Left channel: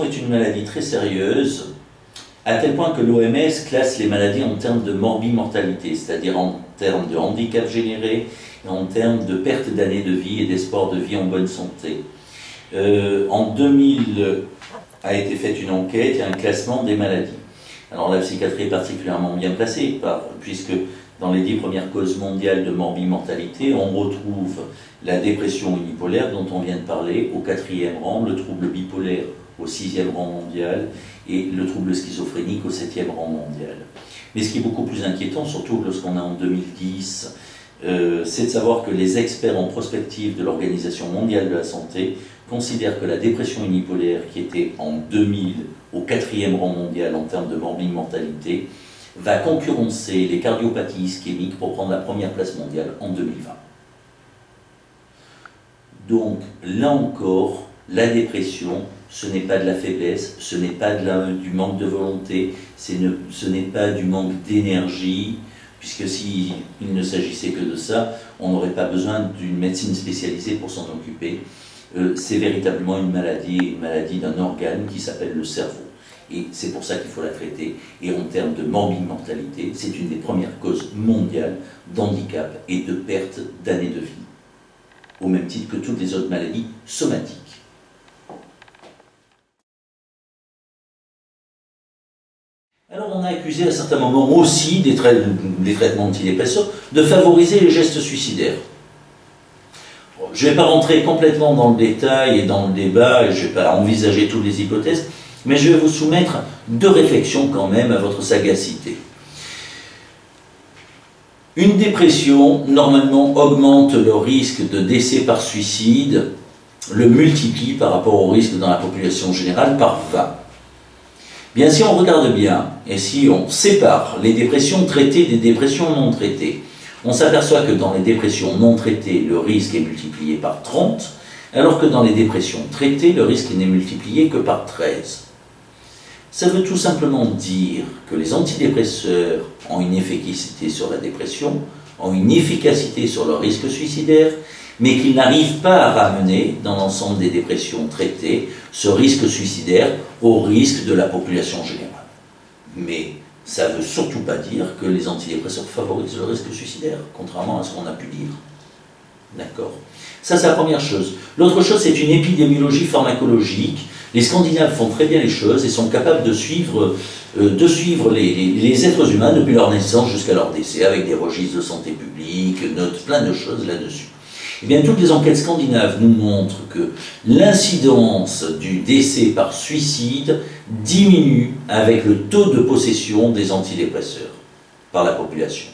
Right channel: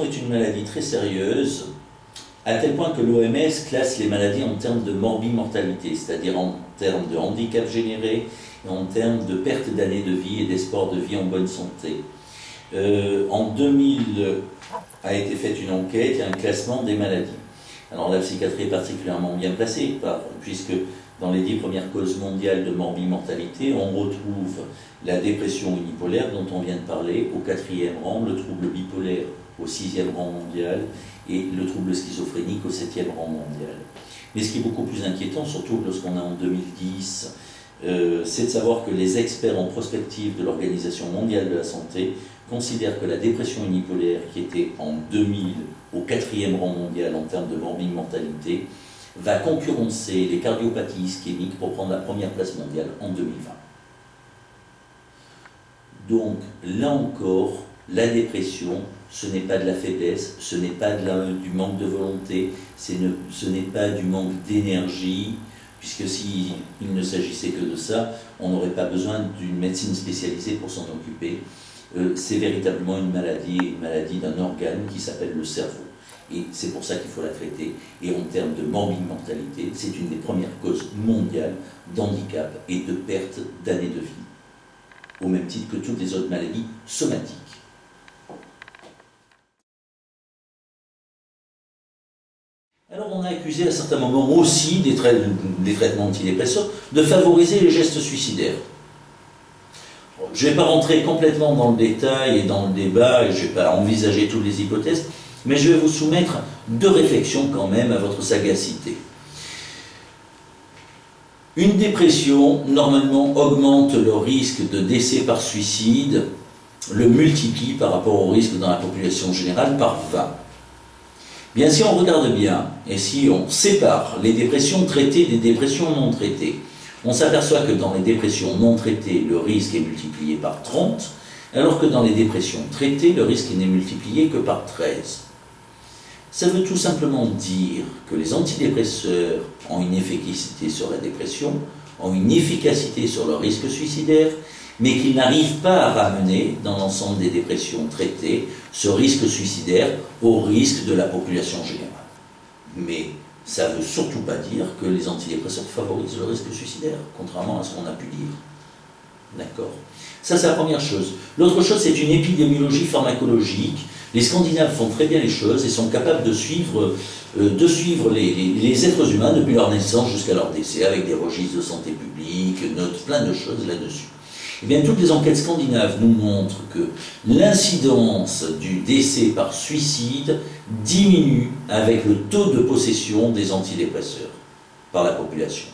dépression est une maladie très sérieuse, à tel point que l'OMS classe les maladies en termes de morbimortalité, c'est-à-dire en termes de handicap généré et en termes de perte d'années de vie et d'espoir de vie en bonne santé. En 2000 a été faite une enquête et un classement des maladies. Alors la psychiatrie est particulièrement bien placée, puisque dans les 10 premières causes mondiales de morbimortalité, on retrouve la dépression unipolaire dont on vient de parler au 4e rang, le trouble bipolaire au 6e rang mondial et le trouble schizophrénique au 7e rang mondial. Mais ce qui est beaucoup plus inquiétant, surtout lorsqu'on est en 2010, c'est de savoir que les experts en prospective de l'Organisation mondiale de la santé considèrent que la dépression unipolaire, qui était en 2000 au 4e rang mondial en termes de morbimortalité, va concurrencer les cardiopathies ischémiques pour prendre la première place mondiale en 2020. Donc, là encore, la dépression, ce n'est pas de la faiblesse, ce n'est pas du manque de volonté, ce n'est pas du manque d'énergie, puisque s'il ne s'agissait que de ça, on n'aurait pas besoin d'une médecine spécialisée pour s'en occuper. C'est véritablement une maladie d'un organe qui s'appelle le cerveau. Et c'est pour ça qu'il faut la traiter. Et en termes de morbimortalité, c'est une des premières causes mondiales d'handicap et de perte d'années de vie, au même titre que toutes les autres maladies somatiques. Alors on a accusé à certains moments aussi des traitements antidépresseurs de favoriser les gestes suicidaires. Je ne vais pas rentrer complètement dans le détail et dans le débat, et je ne vais pas envisager toutes les hypothèses, mais je vais vous soumettre 2 réflexions quand même à votre sagacité. Une dépression, normalement, augmente le risque de décès par suicide, le multiplie par rapport au risque dans la population générale par 20. Bien, si on regarde bien, et si on sépare les dépressions traitées des dépressions non traitées, on s'aperçoit que dans les dépressions non traitées, le risque est multiplié par 30, alors que dans les dépressions traitées, le risque n'est multiplié que par 13. Ça veut tout simplement dire que les antidépresseurs ont une efficacité sur la dépression, ont une efficacité sur le risque suicidaire, mais qu'ils n'arrivent pas à ramener, dans l'ensemble des dépressions traitées, ce risque suicidaire au risque de la population générale. Mais ça ne veut surtout pas dire que les antidépresseurs favorisent le risque suicidaire, contrairement à ce qu'on a pu dire. D'accord? Ça, c'est la première chose. L'autre chose, c'est une épidémiologie pharmacologique. Les Scandinaves font très bien les choses et sont capables de suivre les êtres humains depuis leur naissance jusqu'à leur décès, avec des registres de santé publique, notent plein de choses là-dessus. Eh bien, toutes les enquêtes scandinaves nous montrent que l'incidence du décès par suicide diminue avec le taux de possession des antidépresseurs par la population.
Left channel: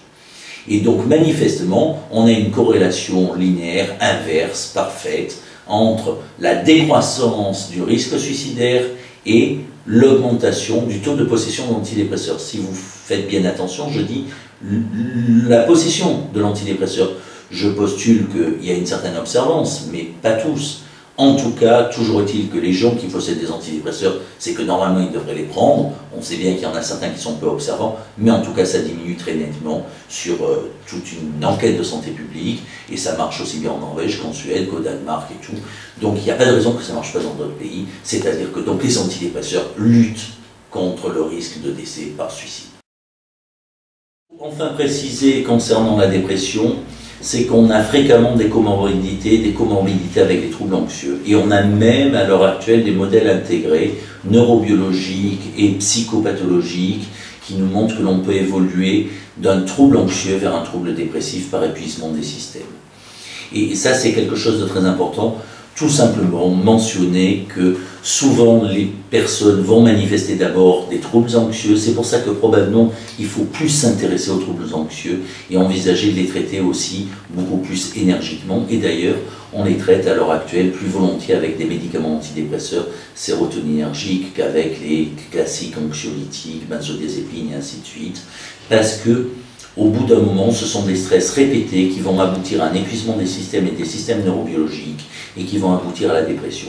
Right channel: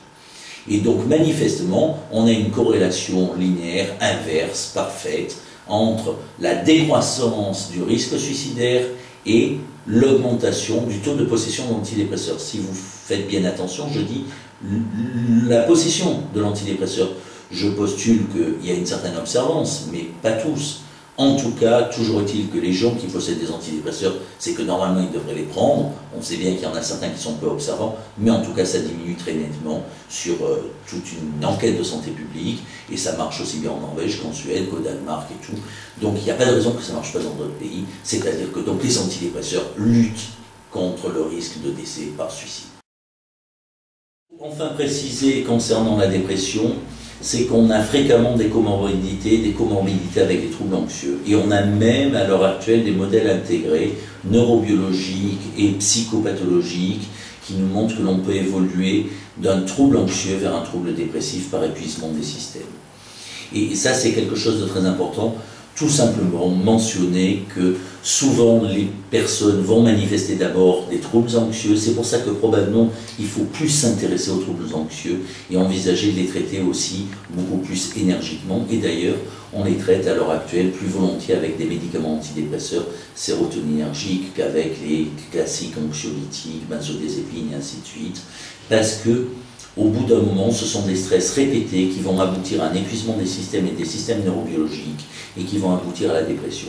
Et donc, manifestement, on a une corrélation linéaire, inverse, parfaite, entre la décroissance du risque suicidaire et l'augmentation du taux de possession d'antidépresseurs. Si vous faites bien attention, je dis la possession de l'antidépresseur. Je postule qu'il y a une certaine observance, mais pas tous. En tout cas, toujours est-il que les gens qui possèdent des antidépresseurs, c'est que normalement ils devraient les prendre. On sait bien qu'il y en a certains qui sont peu observants, mais en tout cas ça diminue très nettement sur toute une enquête de santé publique, et ça marche aussi bien en Norvège qu'en Suède, qu'au Danemark et tout. Donc il n'y a pas de raison que ça ne marche pas dans d'autres pays, c'est-à-dire que donc les antidépresseurs luttent contre le risque de décès par suicide. Enfin préciser concernant la dépression, c'est qu'on a fréquemment des comorbidités avec les troubles anxieux. Et on a même à l'heure actuelle des modèles intégrés, neurobiologiques et psychopathologiques, qui nous montrent que l'on peut évoluer d'un trouble anxieux vers un trouble dépressif par épuisement des systèmes. Et ça, c'est quelque chose de très important. Tout simplement mentionner que souvent les personnes vont manifester d'abord des troubles anxieux. C'est pour ça que probablement il faut plus s'intéresser aux troubles anxieux et envisager de les traiter aussi beaucoup plus énergiquement. Et d'ailleurs, on les traite à l'heure actuelle plus volontiers avec des médicaments antidépresseurs sérotoninergiques qu'avec les classiques anxiolytiques, benzodiazépines et ainsi de suite. Parce que au bout d'un moment, ce sont des stress répétés qui vont aboutir à un épuisement des systèmes et des systèmes neurobiologiques et qui vont aboutir à la dépression.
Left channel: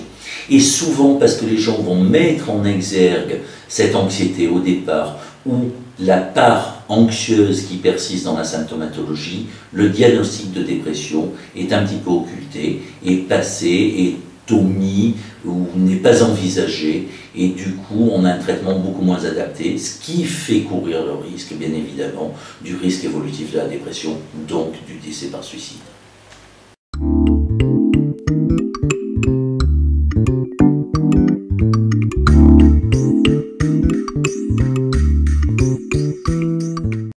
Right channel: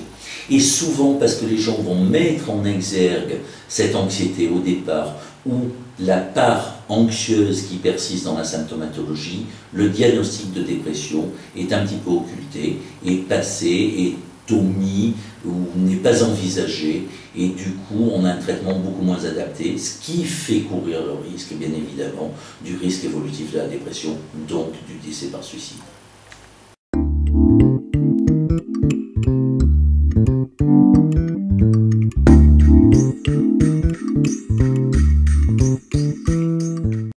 Et souvent, parce que les gens vont mettre en exergue cette anxiété au départ ou la part anxieuse qui persiste dans la symptomatologie, le diagnostic de dépression est un petit peu occulté et passé et omis ou n'est pas envisagé, et du coup on a un traitement beaucoup moins adapté, ce qui fait courir le risque, bien évidemment, du risque évolutif de la dépression, donc du décès par suicide.